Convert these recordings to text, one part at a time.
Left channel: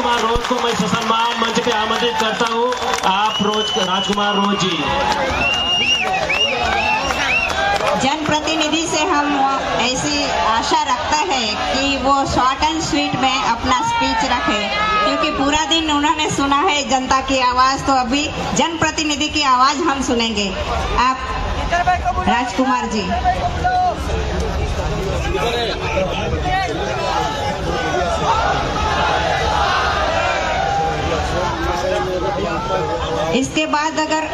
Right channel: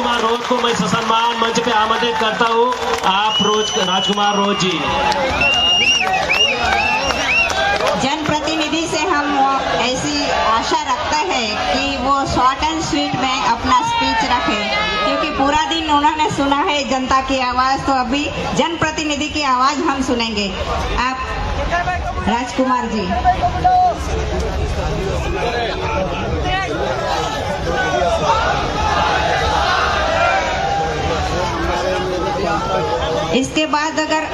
राजकुमार रोज को मैं ससम्मान मंच पे आमंत्रित करता हूँ। आप राजकुमार रोज जी। जनप्रतिनिधि से हम ऐसी आशा रखता है कि वो शॉर्ट एंड स्वीट में अपना स्पीच रखे, क्योंकि पूरा दिन उन्होंने सुना है जनता की आवाज, तो अभी जनप्रतिनिधि की आवाज हम सुनेंगे। आप राजकुमार जी। इसके बाद अगर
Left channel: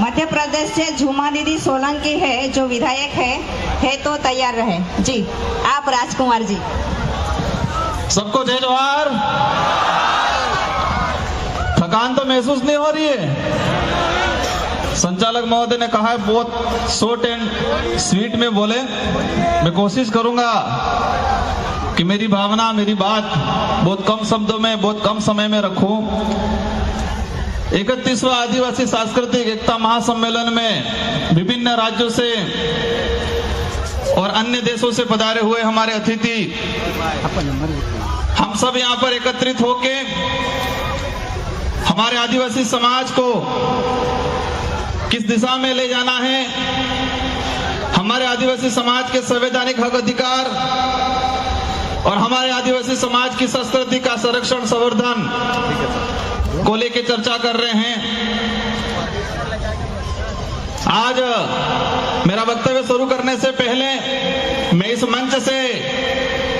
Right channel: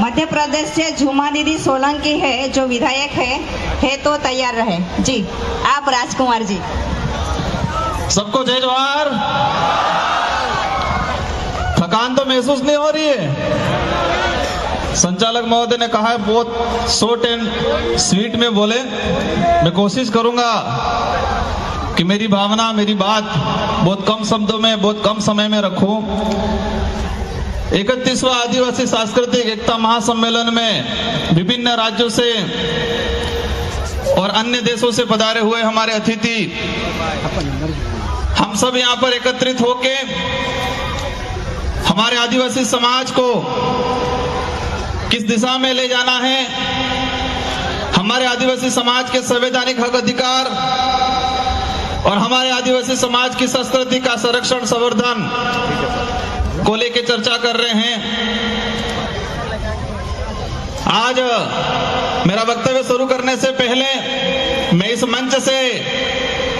मध्य प्रदेश से झूमा दीदी सोलंकी है जो विधायक है तो तैयार रहे जी। आप राजकुमार जी। सबको जय जोहार। थकान तो महसूस नहीं हो रही है? संचालक महोदय ने कहा है बहुत शॉर्ट एंड स्वीट में बोले। मैं कोशिश करूंगा कि मेरी भावना, मेरी बात बहुत कम शब्दों में, बहुत कम समय में रखूं। 31वां आदिवासी सांस्कृतिक एकता महासम्मेलन में विभिन्न राज्यों से और अन्य देशों से पधारे हुए हमारे अतिथि, हम सब यहाँ पर एकत्रित होके हमारे आदिवासी समाज को किस दिशा में ले जाना है, हमारे आदिवासी समाज के संवैधानिक हक अधिकार और हमारे आदिवासी समाज की संस्कृति का संरक्षण संवर्धन को लेके चर्चा कर रहे हैं। आज मेरा वक्तव्य शुरू करने से पहले मैं इस मंच से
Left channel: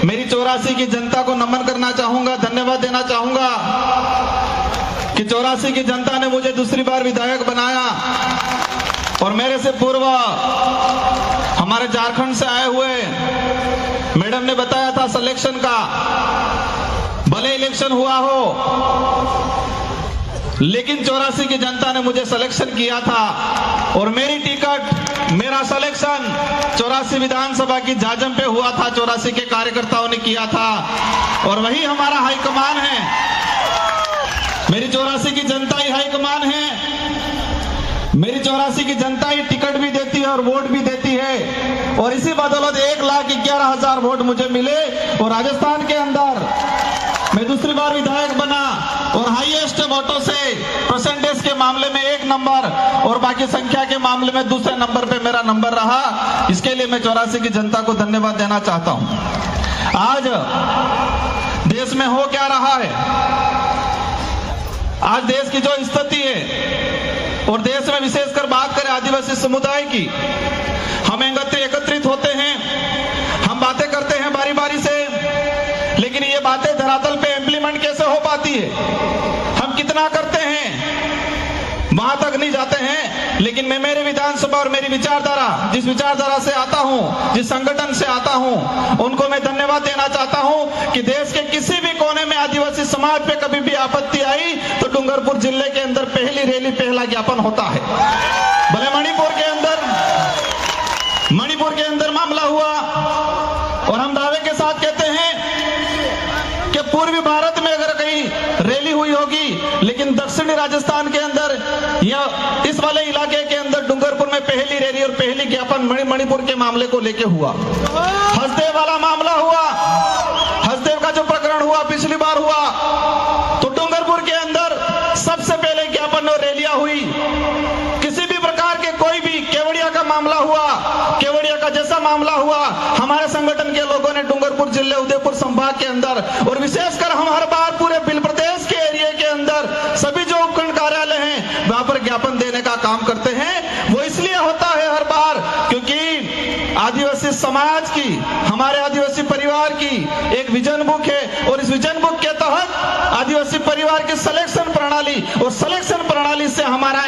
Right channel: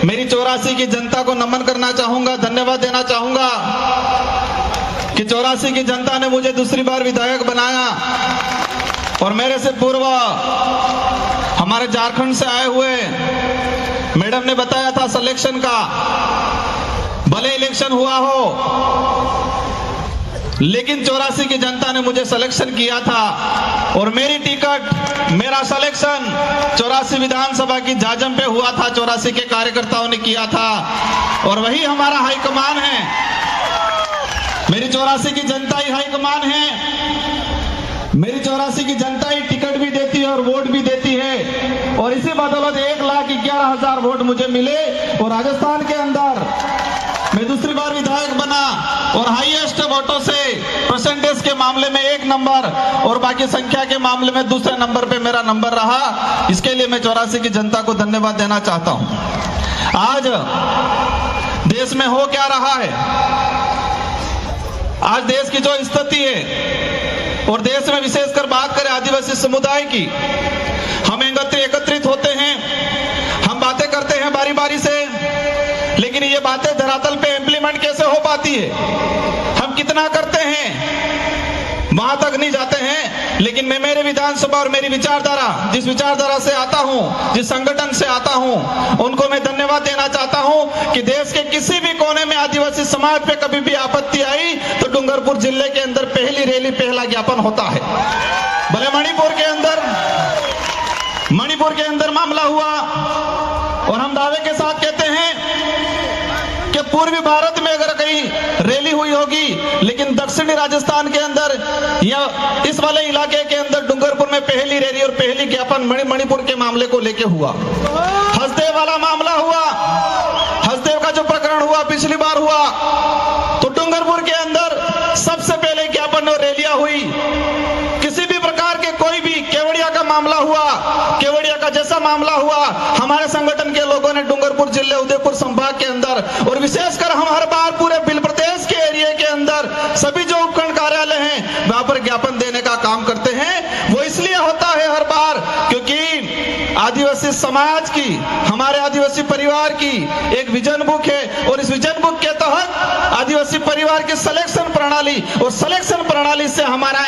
मेरी 84 की जनता को नमन करना चाहूंगा, धन्यवाद देना चाहूंगा कि 84 की जनता ने मुझे दूसरी बार विधायक बनाया और मेरे से पूर्व हमारे झारखंड से आए हुए मैडम ने बताया था सिलेक्शन का, भले इलेक्शन हुआ हो लेकिन 84 की जनता ने मुझे सिलेक्शन किया था और मेरी टिकट, मेरा सिलेक्शन 84 विधानसभा की जाजम पे हुआ था। 84 के कार्यकर्ताओं ने किया था और वही हमारा हाईकमान है। मेरी 84 की जनता ही हाईकमान है। मेरी 84 की जनता ही टिकट भी देती है और वोट भी देती है और इसी बदौलत 1,11,000 वोट मुझे मिले और राजस्थान के अंदर मैं दूसरी बार विधायक बना और हाईएस्ट वोटों से परसेंटेज के मामले में 1 नंबर और बाकी संख्या के मामले में दूसरे नंबर पे मेरा नंबर रहा। इसके लिए मैं 84 की जनता को धन्यवाद देना चाहता हूं। आज देश में हो क्या रहा है, आज देश की जो स्थिति है और देश में विशेषकर बात करें आदिवासी समुदाय की, हम एकत्रित होते हैं, हम बातें करते हैं बारी बारी से, लेकिन ये बातें धरातल पे इम्प्लीमेंट कैसे हो पाती है, हम कितना करते हैं वहां तक नहीं जाते हैं। लेकिन मैं मेरे विधानसभा और मेरी विचारधारा, जिस विचारधारा से आता हूं, जिस संगठन से आता हूं, उनको मैं धन्यवाद देना चाहता हूं कि देश के किसी भी कोने में आदिवासी समाज पे कभी भी आपत्ति आई तो डूंगरपुर जिले के अंदर पहली रैली, पहला ज्ञापन होता है। भले मणिपुर के अंदर मामला हुआ और हम दावे के साथ कहते हैं कि पूर्वी भारत में अगर कहीं रैली हुई होगी, लेकिन दक्षिणी राजस्थान के अंदर या इस वाले इलाके के अंदर डूंगरपुर में पहली रैली और पहली ज्ञापन मणिपुर के मामले को लेके हुआ। हसदेव वाला मामला हुआ, हसदेव का जो प्रकरण हुआ पिछली बार हुआ तो डूंगरपुर के अंदर सबसे पहले ज्ञापन और रैलियां हुई। किसी भी प्रकार के कोई भी केवड़िया का मामला हुआ, केवड़िया का जैसा मामला हुआ, हमारे संगठन के लोगों ने डूंगरपुर जिले, उदयपुर संभाग के अंदर और विशेषकर हम हर बार पूरे बिल प्रदेश के एरिया के अंदर सभी जो उपखंड कार्यालय हैं वहां पर ज्ञापन देने का काम करते हैं। वो इसलिए होता है हर बार क्योंकि आदिवासी समाज की, हमारे आदिवासी परिवार की एक विजन बुक है और इस विजन बुक के तहत आदिवासी परिवार की सिलेक्शन प्रणाली और सिलेक्शन प्रणाली से हमारा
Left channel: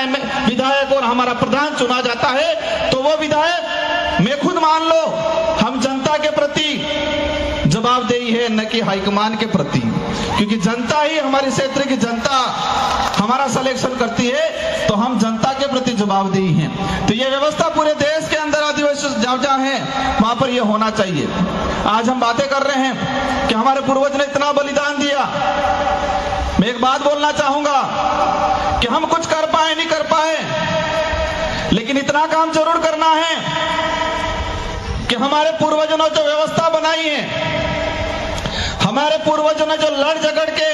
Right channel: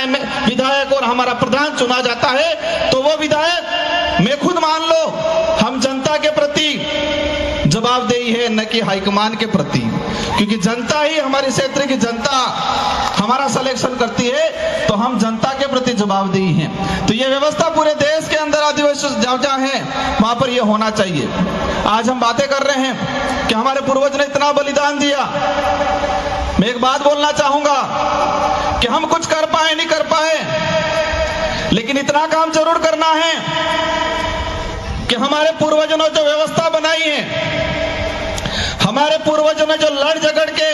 विधायक और हमारा प्रधान चुना जाता है। तो वो विधायक मैं खुद मान लो हम जनता के प्रति जवाबदेही है, न कि हाईकमान के प्रति, क्योंकि जनता ही, हमारे क्षेत्र की जनता हमारा सिलेक्शन करती है तो हम जनता के प्रति जवाबदेही हैं। तो ये व्यवस्था पूरे देश के अंदर आदिवासी जहाँ है वहां पर ये होना चाहिए। आज हम बातें कर रहे हैं कि हमारे पूर्वज ने इतना बलिदान दिया। मैं एक बात बोलना चाहूंगा कि हम कुछ कर पाए नहीं कर पाए, लेकिन इतना काम जरूर करना है कि हमारे पूर्वजों ने जो व्यवस्था बनाई है, हमारे पूर्वजों ने जो लड़ झगड़ के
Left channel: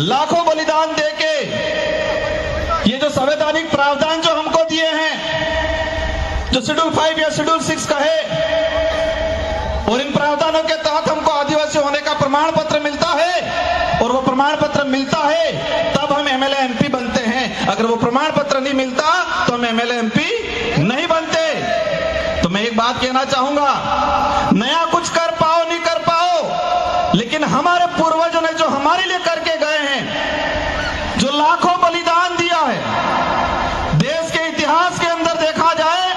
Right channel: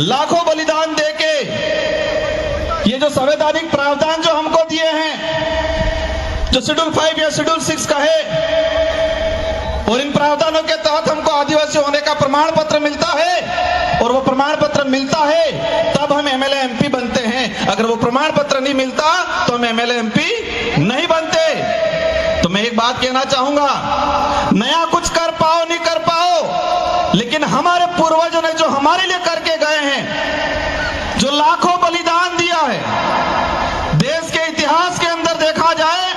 लाखों बलिदान देके ये जो संवैधानिक प्रावधान जो हमको दिए हैं, जो शेड्यूल 5 या शेड्यूल 6 का है, और इन प्रावधानों के तहत हमको आदिवासी होने का प्रमाण पत्र मिलता है, और वो प्रमाण पत्र मिलता है तब हम एमएलए एमपी बनते हैं। अगर वो प्रमाण पत्र नहीं मिलता तो हम एमएलए एमपी नहीं बनते। तो मैं एक बात कहना चाहूंगा, नया कुछ कर पाओ नहीं कर पाओ, लेकिन हमारे पूर्वजों ने जो हमारे लिए करके गए हैं, जो लाखों बलिदान दिया है, देश के इतिहास के अंदर देखा जाए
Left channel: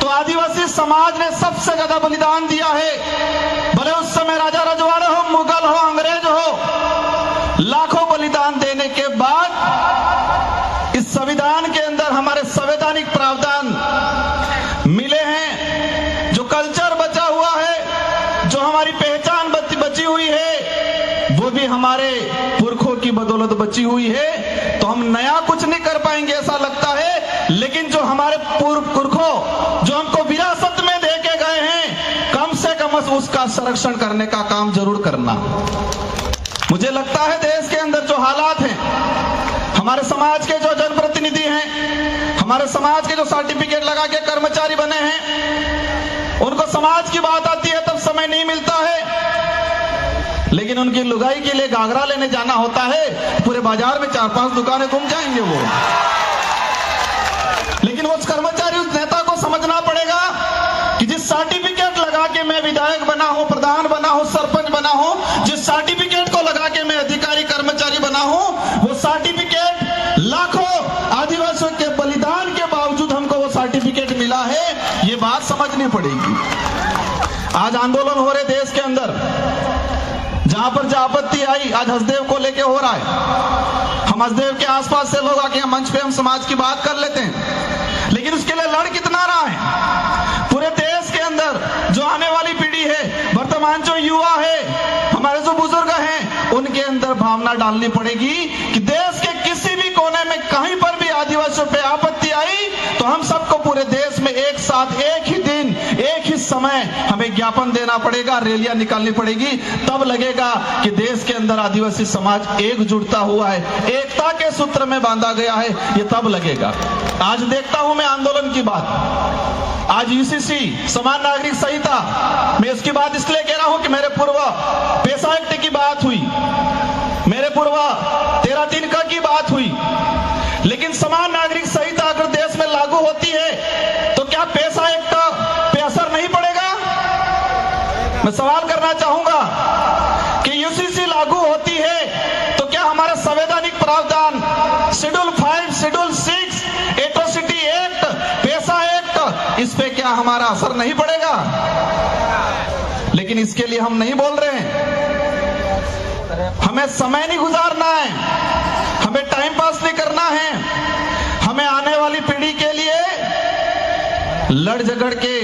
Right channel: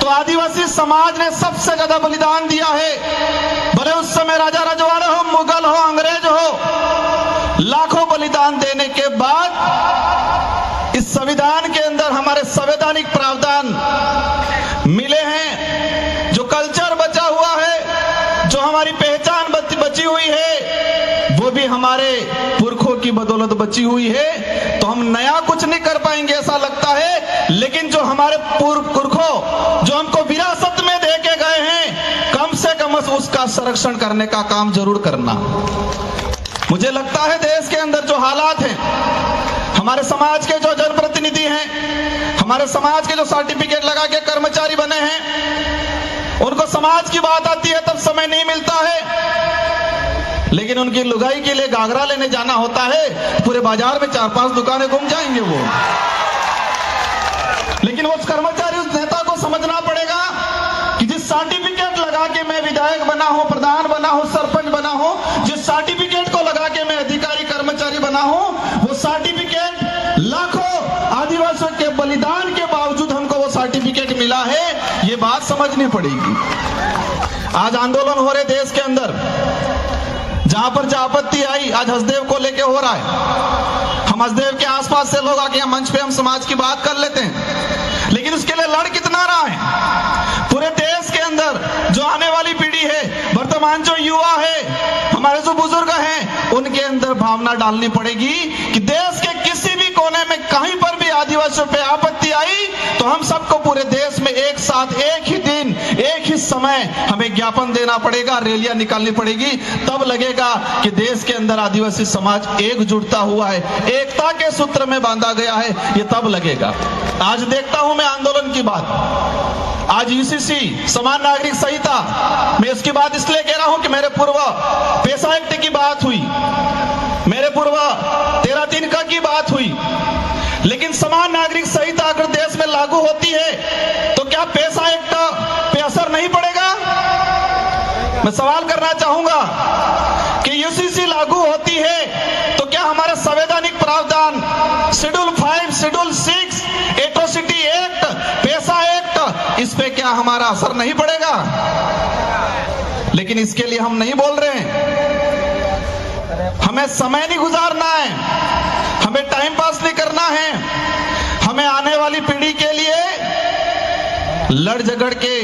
तो आदिवासी समाज ने सबसे ज्यादा बलिदान दिया है। भले उस समय राजा रजवाड़ा हो, मुगल हो, अंग्रेज हो, लाखों बलिदान देने के बाद इस संविधान के अंदर हमारे संवैधानिक प्रावधान मिले हैं। जो कल्चर बचा हुआ है, जो हमारी पहचान बची हुई है, वो भी हमारे पुरखों की बदौलत बची हुई है। तो हम नया कुछ नहीं कर पाएंगे ऐसा लगता है, लेकिन जो हमारे पुरखों जो हमको विरासत में दे के गए हैं, कम से कम उसका संरक्षण करने का काम जरूर करना। मुझे लगता है देश के अंदर जो हालात हैं, हमारे समाज के जो जनप्रतिनिधि हैं, हमारे समाज के जो सर्टिफिकेट लगा के कर्मचारी बने हैं, उनको समाज की बात आती है तब समय नहीं मिलता है, लेकिन उनकी लुगाई के लिए घाघरा लेने जाना होता है, पूरे बाजार में 4-5 दुकानें घूम जाएंगे वो। लेकिन उस कर्मचारी, उस नेता को समझना पड़ेगा कि जिस सर्टिफिकेट लगा के मैं विधायक बना हूं, प्रधान बना हूं, सरपंच बना हूं, जिस सर्टिफिकेट को लगा के मैं अधिकारी कर्मचारी बना हूं, वो सर्टिफिकेट लाखों आदिवासियों के बलिदान के बावजूद हमको वो सर्टिफिकेट मिला है, ये बात समझनी पड़ेगी। आज आंदोलन हो रहे देश के अंदर, जहां पर जो आपत्ति आई, आज हसदेव को लेके हो रहा है। हम हसदेव के आसपास से लोग आके मंच पे हम समाज की बात कर लेते हैं, लेकिन उसके लिए लड़ कितना रहा है पूरे देश के अंदर। जो आने वाली पीढ़ी है, वर्तमान जो युवा है, हमारे जो बुजुर्ग हैं, उनके अंदर भावना डालनी पड़ेगी कि देश के किसी भी कोने में कहीं पर भी आदिवासियों पे आपत्ति आई तो हम सबको पूरे देश में एक साथ, एक ही दिन, एक ही समय हमें ज्ञापन देना पड़ेगा, रैलियां निकालनी पड़ेगी। तब लगेगा कि देश के अंदर आदिवासी समाज एकजुटता हुआ है, एकता के सूत्र में बांधा गया है, ये तब लगेगा। आज देखता हूं मैं आंदोलन की बात, आज यूसीसी समान नागरिक संहिता, मैं इसकी बात इसलिए कह रहा हूं कि मेरे पूर्व पैसा एक्ट की बात हुई, मेरे पूर्व 13 तिनका की बात हुई, लेकिन समान नागरिक संहिता अगर देश में लागू होती है तो क्या पैसा एक्ट पे असर नहीं पड़ेगा? मैं सवाल करना चाहूंगा कि यूसीसी लागू होती है तो क्या हमारे संवैधानिक प्रावधान शेड्यूल 5, शेड्यूल 6, एट्रोसिटी एक्ट, पैसा एक्ट, इस पे क्या हमारा असर नहीं पड़ेगा? लेकिन इसके लिए हम नहीं बोल रहे हैं। हमें समय नहीं गुजारना है, हमें टाइम पास नहीं करना है, हमें आने वाली पीढ़ी के लिए लड़ झगड़ के,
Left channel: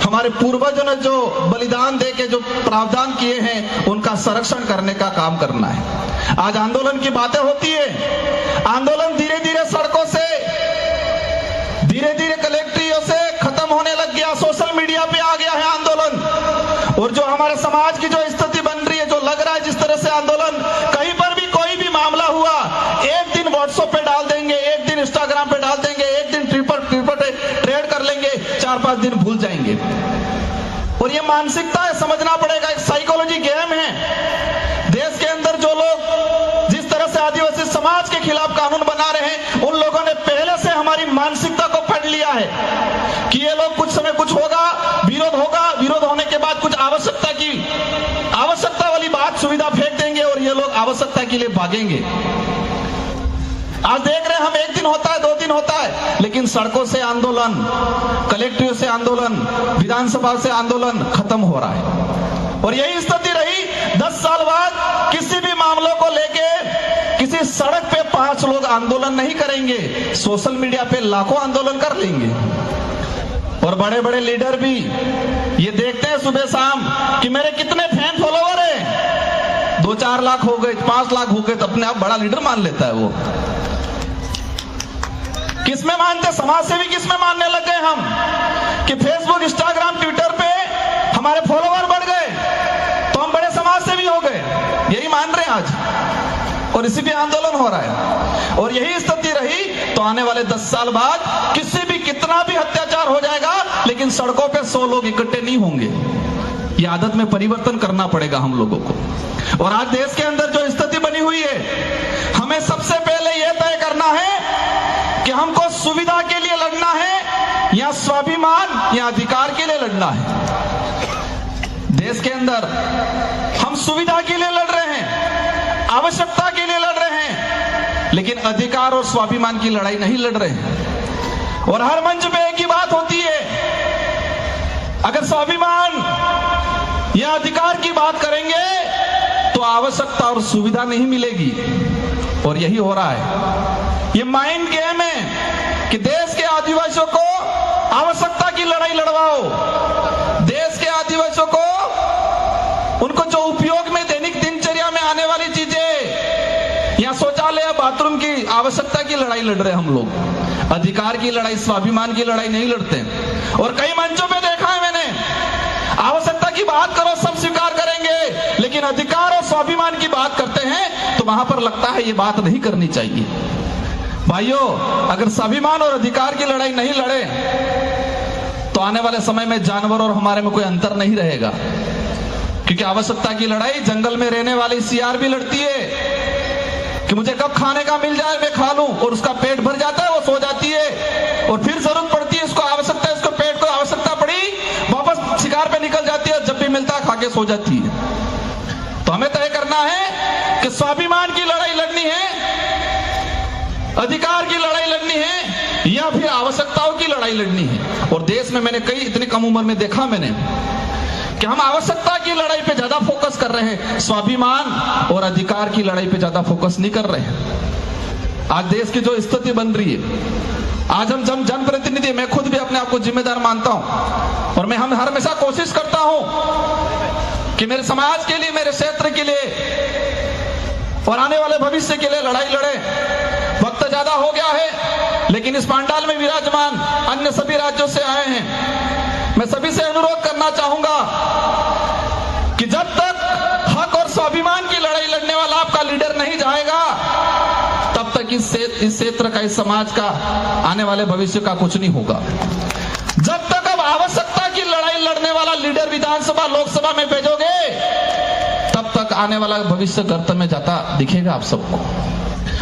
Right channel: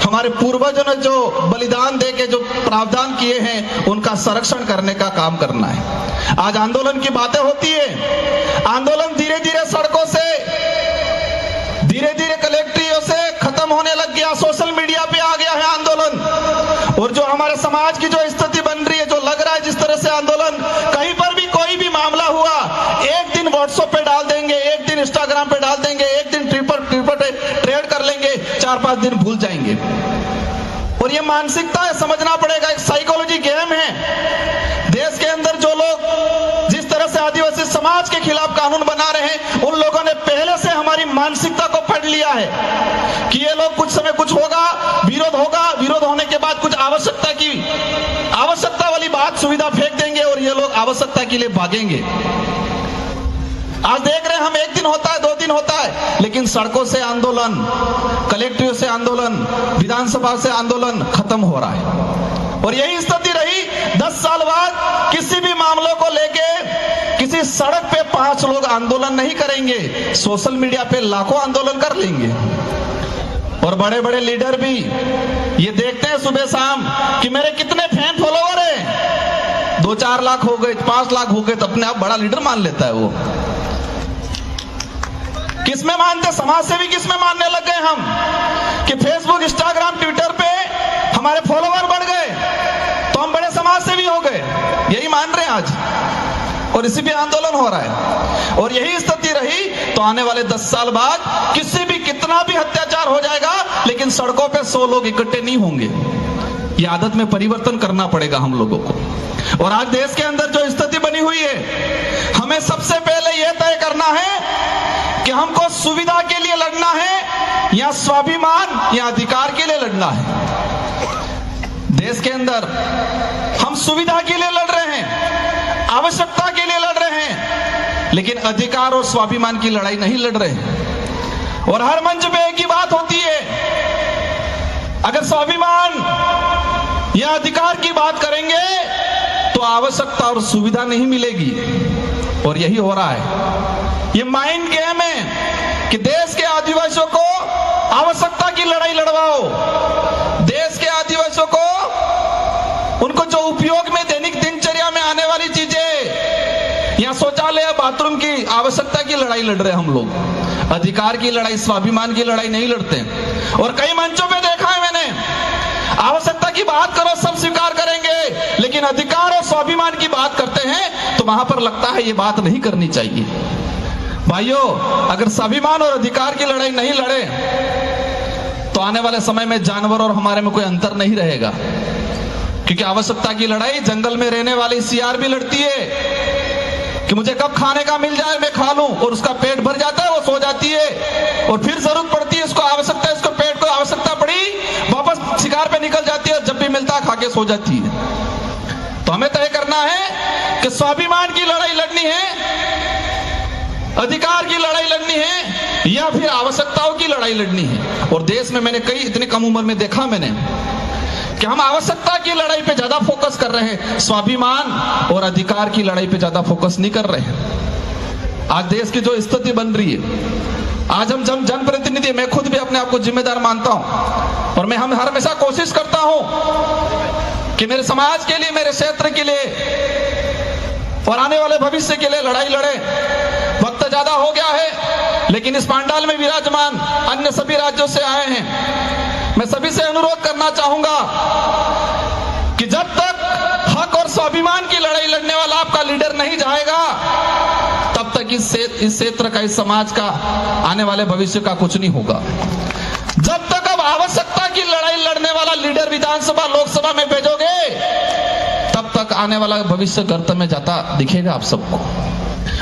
हमारे पूर्वजों ने जो बलिदान दे के जो प्रावधान किए हैं, उनका संरक्षण करने का काम करना है। आज आंदोलन की बातें होती है, आंदोलन धीरे धीरे सड़कों से, धीरे धीरे कलेक्ट्रियों से खत्म होने लग गया, सोशल मीडिया पे आ गया है आंदोलन। और जो हमारे समाज की जो स्थिति बन रही है, जो लग रहा है जिस तरह से आंदोलन, कहीं पर भी कोई भी मामला हुआ, एक दिन व्हाट्सएप पे डाल देंगे, एक दिन इंस्टाग्राम पे डाल देंगे, एक दिन ट्विटर ट्रेड कर लेंगे, 4-5 दिन भूल जाएंगे। और ये मानसिकता है, समझना पड़ेगा, एक साइकोलॉजी गेम है। देश के अंदर जो लोग जिस तरह से आदिवासी समाज के खिलाफ कानून बना रहे हैं, उन लोगों ने पहले से हमारी मानसिकता को पढ़ लिया है कि ये लोग कुछ समय कुछ होगा, विरोध होगा, विरोध होने के बाद कुछ आवश्यकता वाली बात, सुविधा फेंक देंगे और ये लोग आवश्यकता के लिए भागेंगे। आज देख रहे हैं हम, एक दिन होता है, 2 दिन होता है, लेकिन सड़कों से आंदोलन, कलेक्ट्रेट से आंदोलन, विधानसभा से आंदोलन खत्म हो रहा है। और यही स्थिति रही 10 साल बाद। किसी भी मामलों को लेके किसी सड़क पे 5 लोग आंदोलन नहीं करेंगे, सोशल मीडिया पे लाखों आंदोलन कर लेंगे। और बड़े बड़े लीडर भी ये देखते हैं सुबह शाम कि मेरे कितने फैन फॉलोवर हैं, 2-4 लाख हो गए, 5 लाख हो गए, तो अपने आप बड़ा लीडर मान लेता है वो। किसमें मानते, समाज सेवी किसमें मानने लग गए हम कि फेसबुक, इंस्टाग्राम, ट्विटर पे हमारे फॉलोवर बढ़ गए तो हम बड़े समाज सेवी हो गए, यही मान रहे हैं आज। और इसी पे आंदोलन हो रहा है। और यही स्थिति रही तो आने वाले 10 साल बाद किसी भी कितना भी अत्याचार हो जाएगा, लेकिन सड़कों पे 100 लोग इकट्ठे नहीं होंगे। ये आदत में परिवर्तन करना पड़ेगा हम लोगों को। और आज देश के अंदर जो स्थिति बनी हुई है, हमें सबसे पहले यह तय करना है कि हमको सुविधा के लिए लड़ना है या स्वाभिमान या अधिकार के लिए लड़ना है। देश के अंदर हम सुविधा के लिए लड़ रहे हैं, आवश्यकता के लिए लड़ रहे हैं, लेकिन अधिकार और स्वाभिमान की लड़ाई नहीं लड़ रहे हैं। और हर मंच पे एक ही बात होती है, अगर स्वाभिमान या अधिकार की बात करेंगे तो आवश्यकता और सुविधा नहीं मिलेगी। और यही हो रहा है। ये माइंड गेम है कि देश के आदिवासियों को आवश्यकता की लड़ाई लड़वाओ, देश के आदिवासियों को उनको जो उपयोग में दैनिक दिनचर्या में आने वाली चीजें या शौचालय बाथरूम की आवश्यकता की लड़ाई लड़ रहे हैं हम लोग। अधिकार की लड़ाई, स्वाभिमान की लड़ाई नहीं लड़ते। और कई मंचों पे देखा है मैंने, आवश्यकता की बात करो सब स्वीकार करेंगे, लेकिन अधिकार और स्वाभिमान की बात करते हैं तो वहां पर लगता है ये बात नहीं करनी चाहिए। भाइयों, अगर स्वाभिमान और अधिकार की लड़ाई नहीं लड़े तो आने वाले समय में जानवर और हमारे में कोई अंतर नहीं रहेगा। क्योंकि आवश्यकता की लड़ाई जंगल में रहने वाली सियार भी लड़ती है कि मुझे कब खाने का मिल जाए मैं खा लूं, और उसका पेट भर जाता है, वो सो जाती है, और फिर जरूरत पड़ती है, इसको आवश्यकता, इसको पेट को आवश्यकता पड़ी, वापस शिकार पे निकल जाती है, जब भी मिलता है खा के सो जाती है। तो हमें तय करना है कि स्वाभिमान की लड़ाई लड़नी है, अधिकार की लड़ाई लड़नी है, या फिर आवश्यकताओं की लड़ाई लड़नी है। और देश में मैंने कई इतनी कम उम्र में देखा मैंने कि हम आवश्यकता की लड़ाई पे ज्यादा फोकस कर रहे हैं, स्वाभिमान और अधिकार की लड़ाई पे ज्यादा फोकस नहीं कर रहे हैं। आज देश की जो स्थिति बन रही है, आज हम जनप्रतिनिधि, मैं खुद भी अपने आप को जिम्मेदार मानता हूं, और मैं हमेशा कोशिश करता हूं कि मेरे समाज के लिए, मेरे क्षेत्र के लिए और आने वाले भविष्य के लिए लड़ाई लड़े। वक्त ज्यादा हो गया है, लेकिन इस पांडाल में विराजमान अन्य सभी राज्यों से आए हैं, मैं सभी से अनुरोध करना चाहूंगा कि जब तक हक और स्वाभिमान की लड़ाई लड़ने वाला आपका लीडर नहीं जाएगा, तब तक इस क्षेत्र का, इस समाज का, आने वाले भविष्य का कुछ नहीं होगा। जब तक अब आवश्यकता की लड़ाई लड़ने वाला लीडर विधानसभा, लोकसभा में भेजोगे, तब तक आने वाला भविष्य गर्त में जाता दिखेगा आप सबको।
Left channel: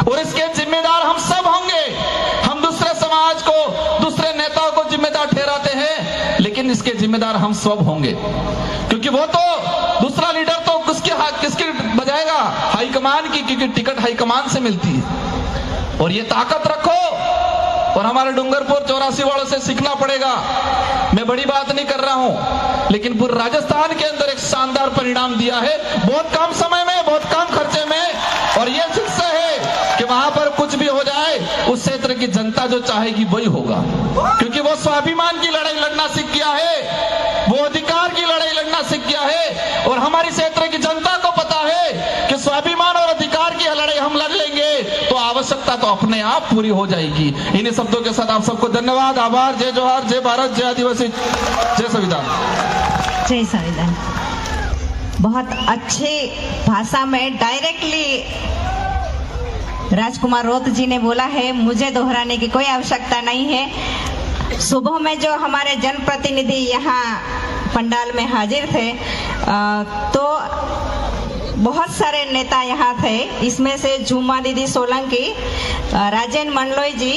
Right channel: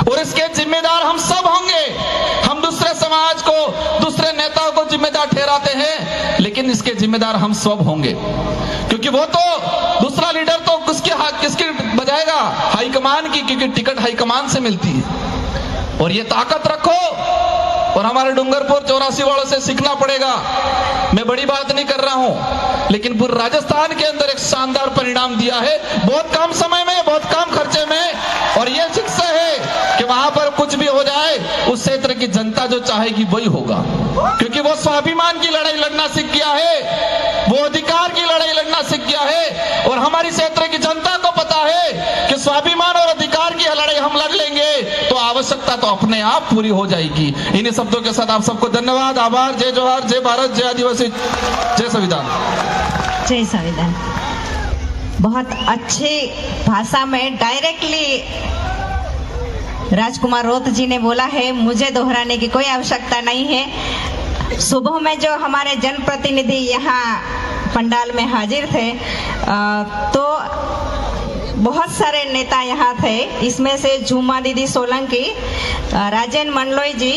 और इसके जिम्मेदार हम सब होंगे। हम दूसरे समाज को, दूसरे नेताओं को जिम्मेदार ठहराते हैं, लेकिन इसके जिम्मेदार हम सब होंगे। क्योंकि वो तो दूसरा लीडर तो किसकी बजाएगा? हाईकमान की, क्योंकि टिकट हाईकमान से मिलती है। और ये ताकत रखो, और हमारे डूंगरपुर 84 वालों से सीखना पड़ेगा। मैं बड़ी बात नहीं कर रहा हूं, लेकिन पूरे राजस्थान के अंदर एक शानदार परिणाम दिया है, बहुत कम समय में, बहुत कम खर्चे में। और ये शिक्षा है कि वहां पर कुछ भी हो जाए, उस क्षेत्र की जनता जो चाहेगी वही होगा। क्योंकि वो स्वाभिमान की लड़ाई लड़ना सीख गया है, वो अधिकार की लड़ाई लड़ना सीख गया है। और हमारी क्षेत्र की जनता को पता है कि स्वाभिमान और अधिकार की लड़ाई हम लड़ लेंगे तो आवश्यकता तो अपने आप पूरी हो जाएगी। इन्हीं शब्दों के साथ आप सबको धन्यवाद, आभार, जय जोहार, जय भारत, जय आदिवासी, जय संविधान। जय संविधान। बहुत अच्छे भाषा में डायरेक्टली राजकुमार रोत जी ने बोला है, मुझे दोहराने की कोई आवश्यकता नहीं है। सुबह में जो हमारे जनप्रतिनिधि यहाँ पंडाल में हाजिर थे, तो बहुत सारे नेता यहाँ थे। इसमें से झूमा दीदी सोलंकी, राजेन मंडलोई जी,